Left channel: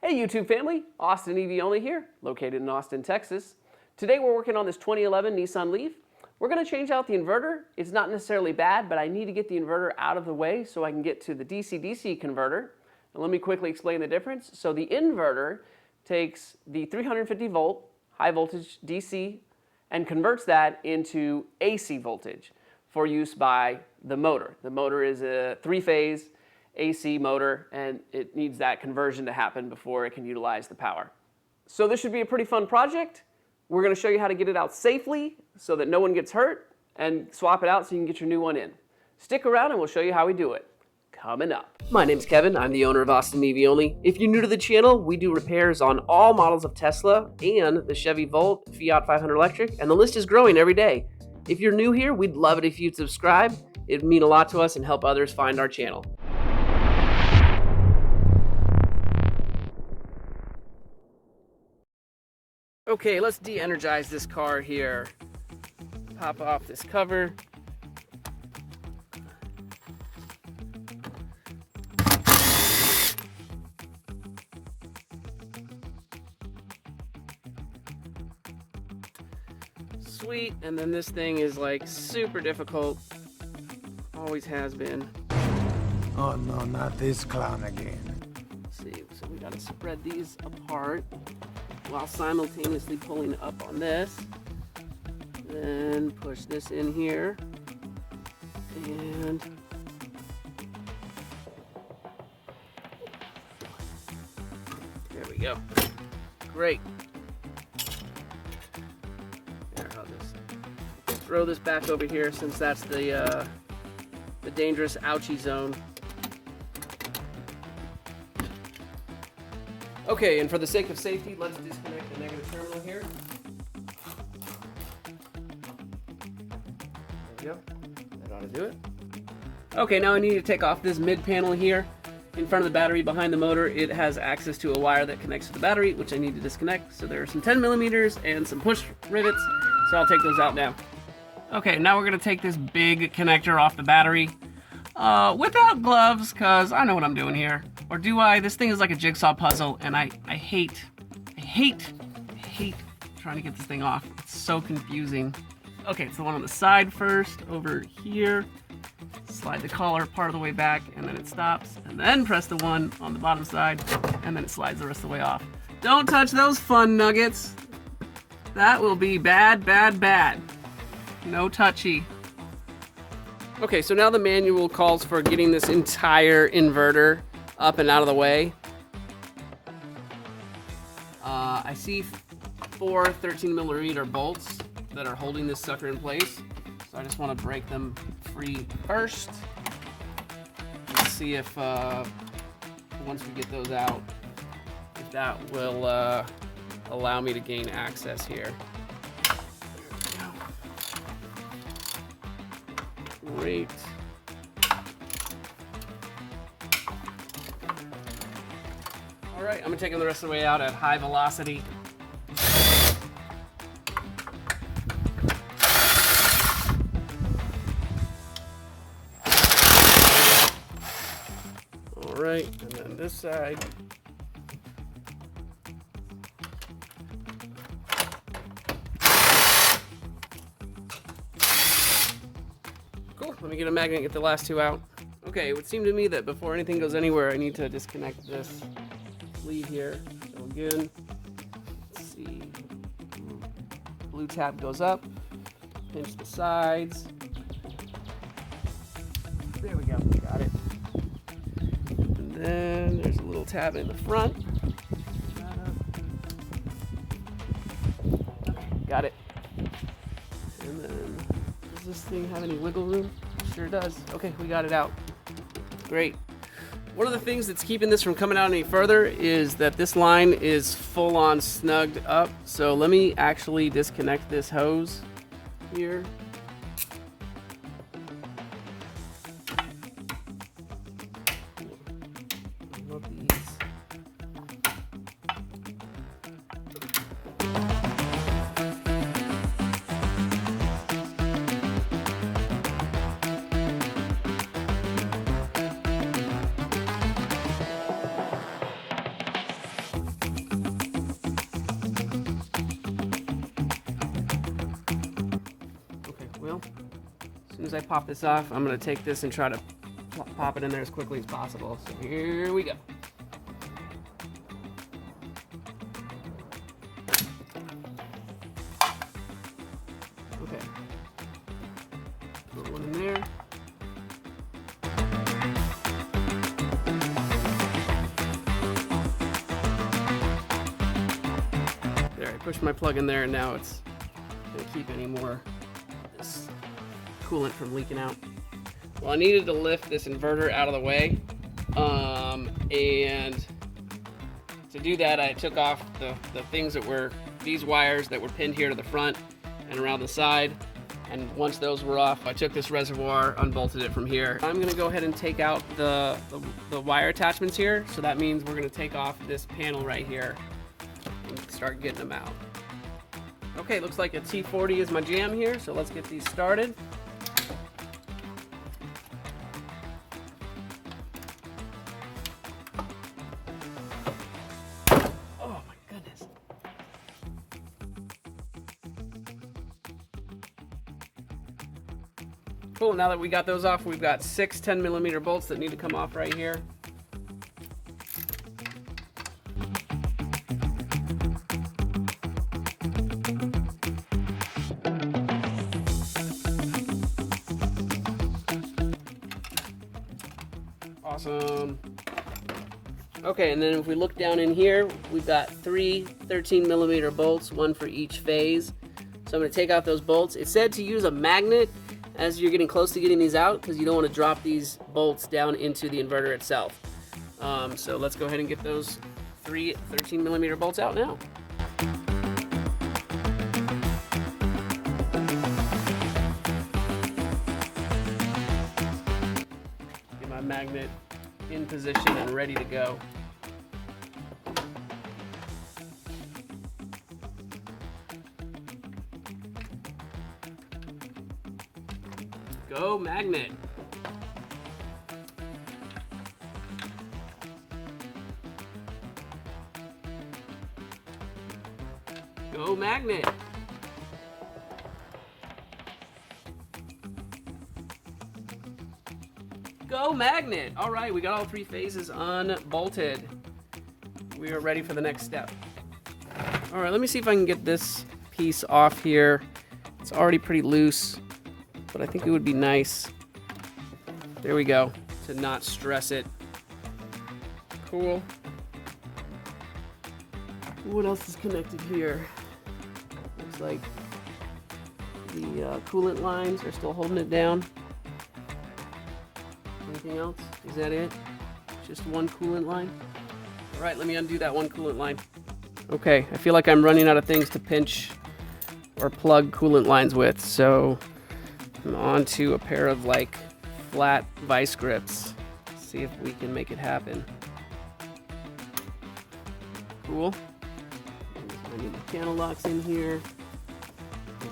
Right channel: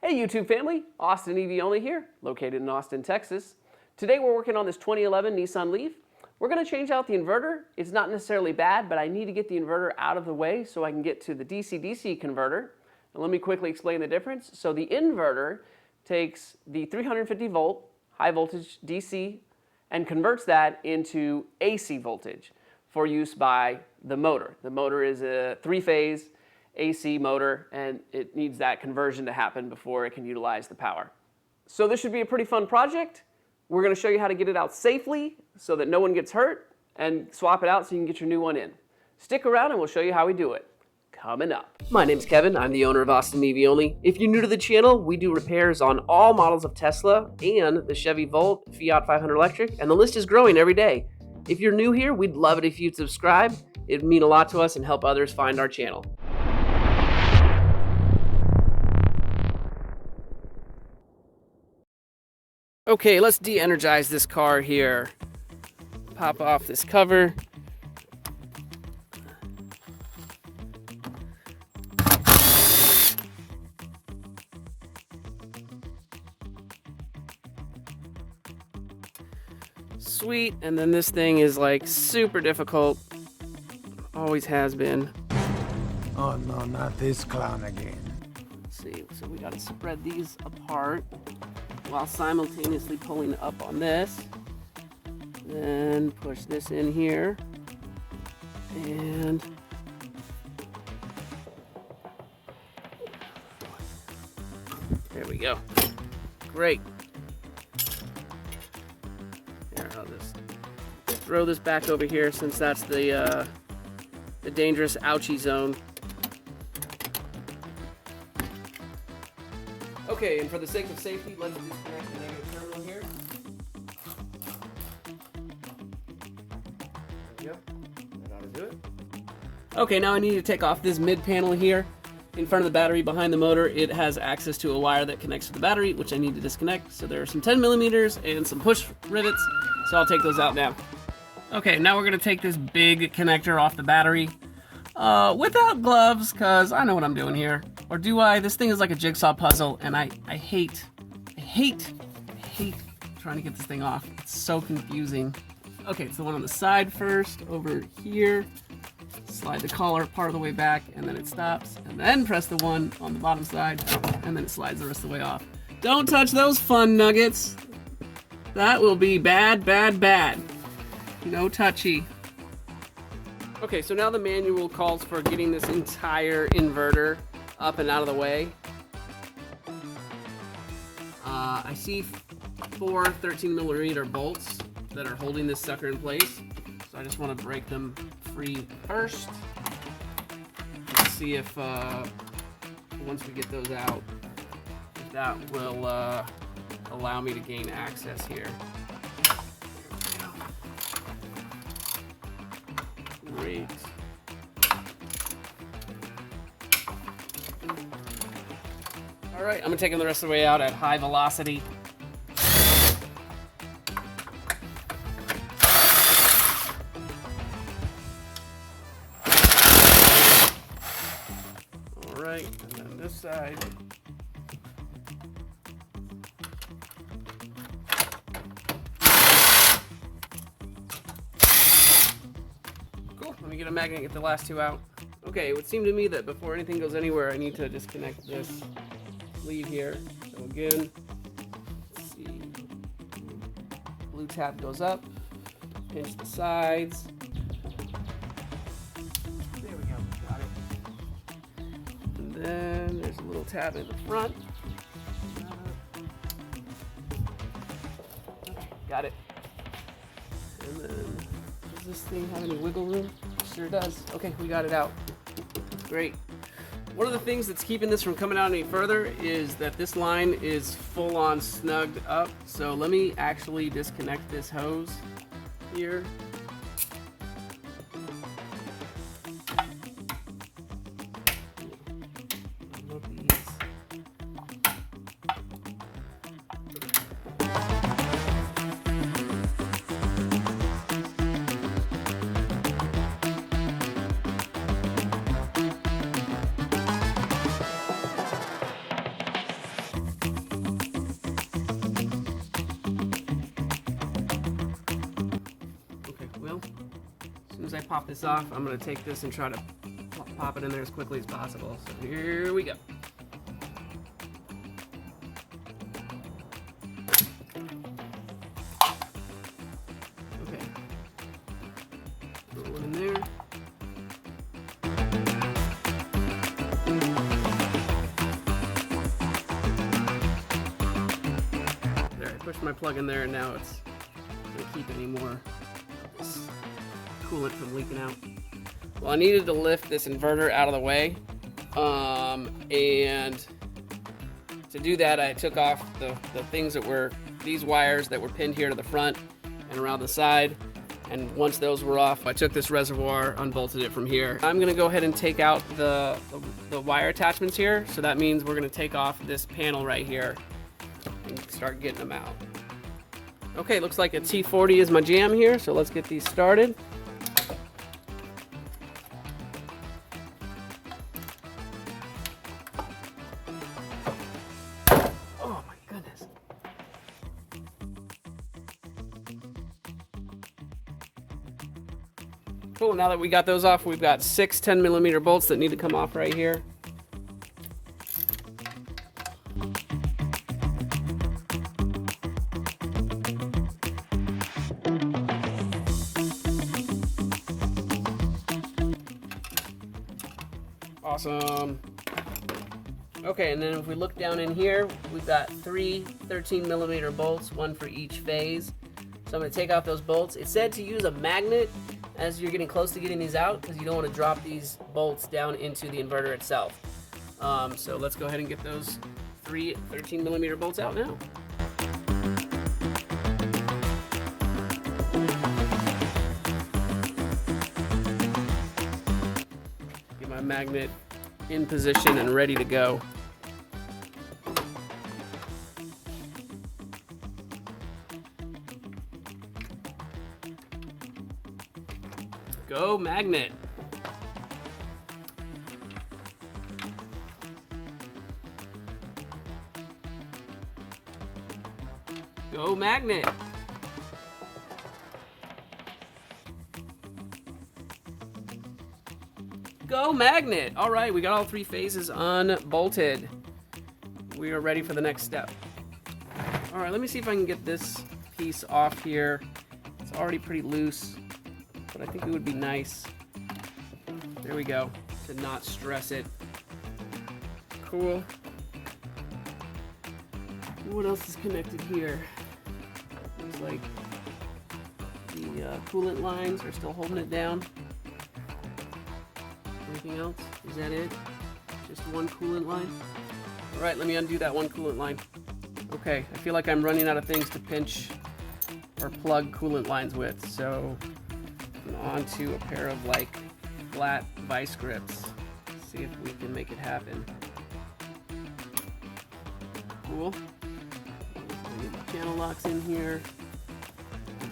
Hey YouTube family, Austin EV Only here, located in Austin, Texas. Today we're working on this 2011 Nissan Leaf. We're going to change out the inverter. It's not necessarily bad, but I need to get the inverter out of the way so I can get to the DC-DC converter. And let me quickly explain the difference. So the inverter takes the 350 volt high voltage DC and converts that into AC voltage for use by the motor. The motor is a three-phase AC motor, and it needs that conversion to happen before it can utilize the power. So this should be a pretty fun project. We're going to show you how to get it out safely so that no one gets hurt, and swap it out so you can get your new one in. Stick around and we'll show you how we do it. Coming up. My name's Kevin. I'm the owner of Austin EV Only. If you're new to the channel, we do repairs on all models of Tesla and the Chevy Volt, Fiat 500 electric, and the list is growing every day. If you're new here, we'd love it if you'd subscribe. It'd mean a lot to us and help others find our channel. Okay, let's de-energize this car here. Pop off this cover. Sweet, and then this thing is like super difficult. Always has been. Oh no, not this clown again. Let's see, so we gotta spread these apart while simultaneously pulling up on this. Then push this in here. And there we go. Great. Here, I'll just throw this back over here since that's the dangerous ouchie zone. Okay, and for the sake of safety, let's disconnect the negative terminal here. There we go. That ought to do it. Okay, now I need to take off this mid panel here. In front of the battery behind the motor, it has access to a wire that connects to the battery, which I need to disconnect. So there are some 10 millimeters and some push rivets, so I'll take those out now. Okay, now we're gonna take this big connector off the battery without gloves, because I know what I'm doing here. Or do I? This thing is like a jigsaw puzzle, and I hate trying to get this thing off. It's so confusing. Okay, it's the one on the side first, over here. Slide the collar part of the way back, and then it stops. And then press the one on the bottom side, and then it slides the rest of the way off. Don't touch those fun nuggets. That will be bad, bad, bad. No touchy. Okay, so now the manual calls for getting this entire inverter up and out of the way. I see 4 13mm bolts that are holding this sucker in place. So I just want to break them free first. Let's see if once we get those out, if that will allow me to gain access here. Great. Alright, I'm taking the rest of the way out at high velocity. Alright, and then this side. Cool, let me get a magnet and get the last two out. Okay, it would seem to me that before anything goes anywhere, I need to disconnect this sleeve here. So again, let's see, blue tab goes up, pinch the sides. There we go, got it. And then there's a little tab in the front. Got it. And then, does this thing have any wiggle room? Sure does. Okay, we got it out. Great. One of the things that's keeping this from coming out any further is that this line is full on snugged up. So let me actually disconnect this hose here. as I pop this off, I'm going to take this and try to pop it in there as quickly as possible. So here we go. Okay. Put one in there. There, I pushed my plug in there, and now it's going to keep any more coolant from leaking out. Well, I needed to lift this inverter out of the way, and to do that I took off the things that were these wires that were pinned here to the front and around the side, and once those were off I took this reservoir, unbolted it from here. I'm gonna go ahead and take out the wire attachments here, so that means we're gonna take off this panel right here and start getting them out. Okay, looks like a T40 is my jam here, so let's get these started. Oh my goodness. Cool, now that we got those off, we've got 6 10mm bolts that need to come off right here. Awesome. Okay, and then if we look down in here, we've got 3 13mm bolts, one for each phase. So I'm going to take out those bolts. It said to use a magnet as you're getting close to getting these out, because you don't want to drop these bolts down into the inverter itself. So let's go ahead and get those 3 13mm bolts out now. Get my magnet in position and ready to go. Go magnet. Go magnet. Go magnet. All right, we got all 3 phases unbolted. We are ready for the next step. All right, let me see if I can get this piece off here. It's already pretty loose, but I think it would be nice, there we go, to not stress it. Cool. What else is connected here? Looks like the coolant lines are still holding it down. Anything else? Is that it? Just one coolant line? All right, let me undo that one coolant line. Okay, I feel like I'm running out of things to pinch or plug coolant lines with, so I'm onto a pair of like flat vice grips. See if we can make it happen. Cool. I need the channel locks in here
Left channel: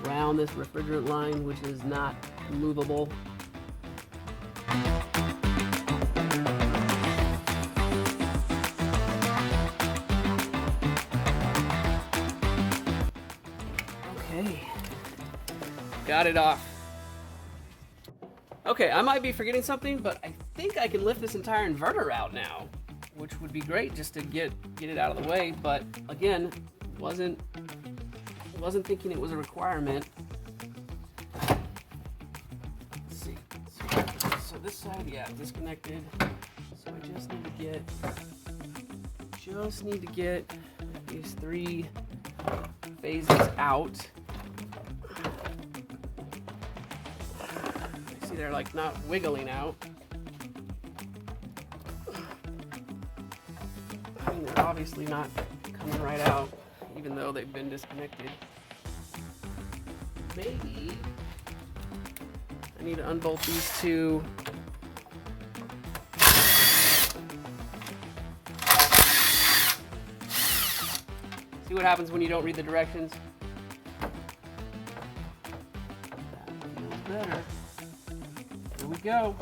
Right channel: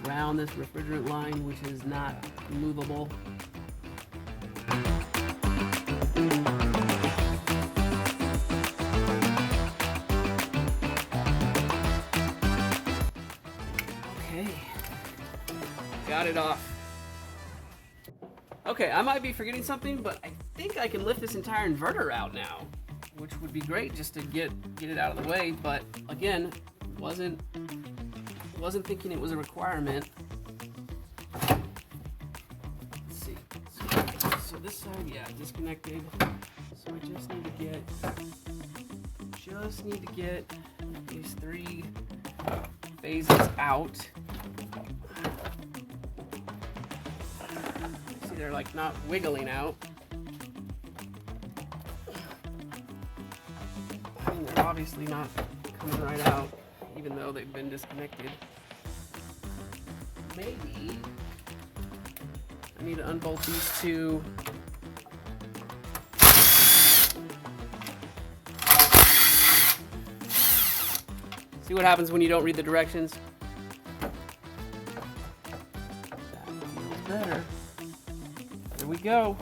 around this refrigerant line, which is not movable. Okay, got it off. Okay, I might be forgetting something, but I think I can lift this entire inverter out now, which would be great just to get it out of the way. But again, wasn't thinking it was a requirement. Let's see. So this side, yeah, disconnected. So I just need to get these 3 phases out. See, they're like not wiggling out. I mean, they're obviously not coming right out, even though they've been disconnected. Maybe I need to unbolt these 2. See what happens when you don't read the directions. That feels better. Here we go.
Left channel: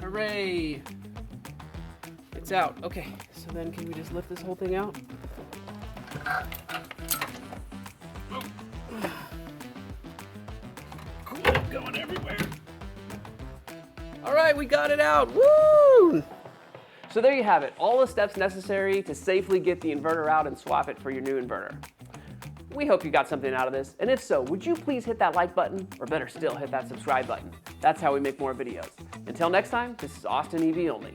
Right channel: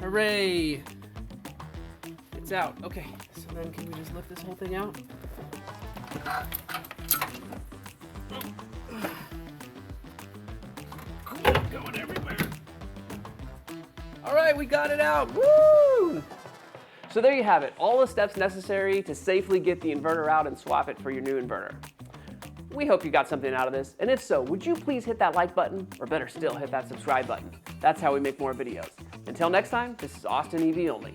Hooray! It's out. Okay, so then can we just lift this whole thing out? Cool, going everywhere. All right, we got it out. Woo! So there you have it, all the steps necessary to safely get the inverter out and swap it for your new inverter. We hope you got something out of this, and if so, would you please hit that like button, or better still, hit that subscribe button. That's how we make more videos. Until next time, this is Austin EV Only.